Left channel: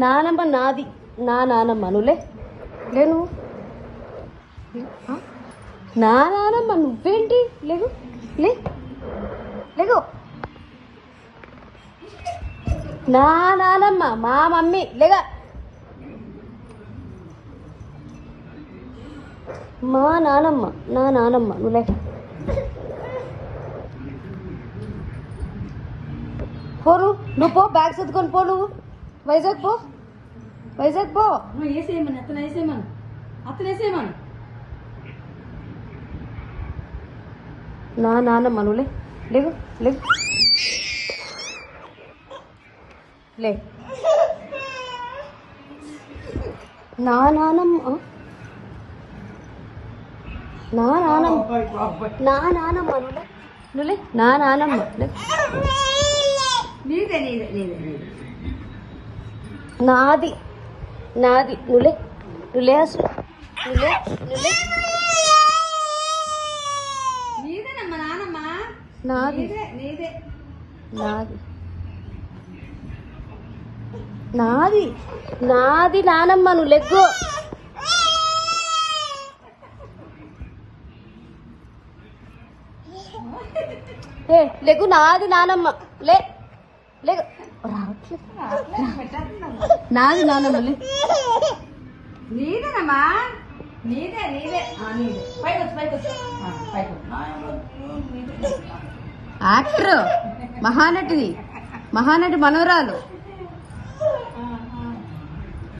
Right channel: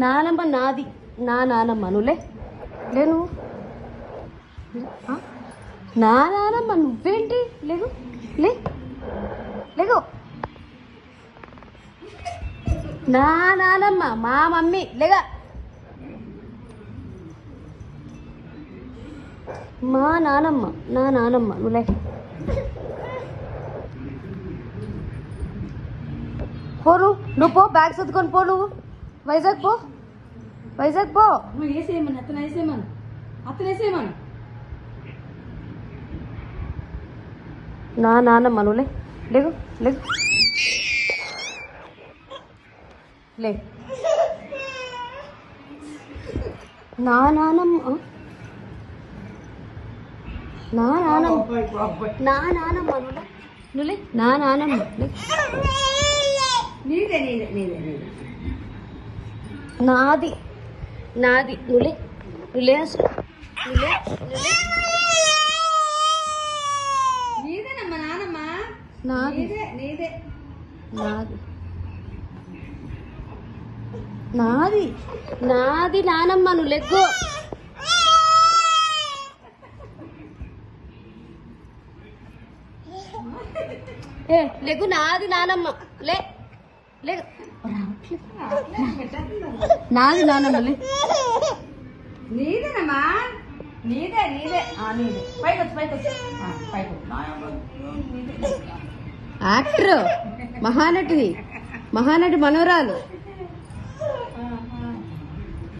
నానమ్మ నాది, నా నానమ్మ నువ్వులే లే, నువ్వు నా నానమ్మ నువ్వేంటి, లేదు లే లేదు, నా నానమ్మ మా మమ్మీ లేగా, మా నానమ్మ నా నానమ్మ నువ్వులే. పోరు నువ్వు పో, బ్యాగ్ సర్దుకొని పో, నువ్వు వైజాగ్ పో, వైజాగ్ పో. వేసేయమని అతను వేసేయమను, అతను వేసేయమను. నా నానమ్మ నువ్వులే లేవు లేవు లే, నా నానమ్మ నా నానమ్మ నా నానమ్మ నువ్వులే నువ్వులే, నా నానమ్మ నీదే నీదే నీదే నీదే, నాది నాది నువ్వులే నువ్వులే అసలు నువ్వులే నువ్వులే, నీదేనమ్మా నానమ్మ, నాది నీదే నీదే, నాది నాది నాది నానమ్మ నువ్వు లెగ్గు. ఏ లెగ్గు, నాది నానమ్మ లే లేగు, నాది నానమ్మ లే, నీదేనమ్మా నీదే నీదే, నీదే పైకొచ్చు పైకొచ్చు పైకొచ్చు. యాక్టర్ మహానటిది, మహానటి మనవరాలు.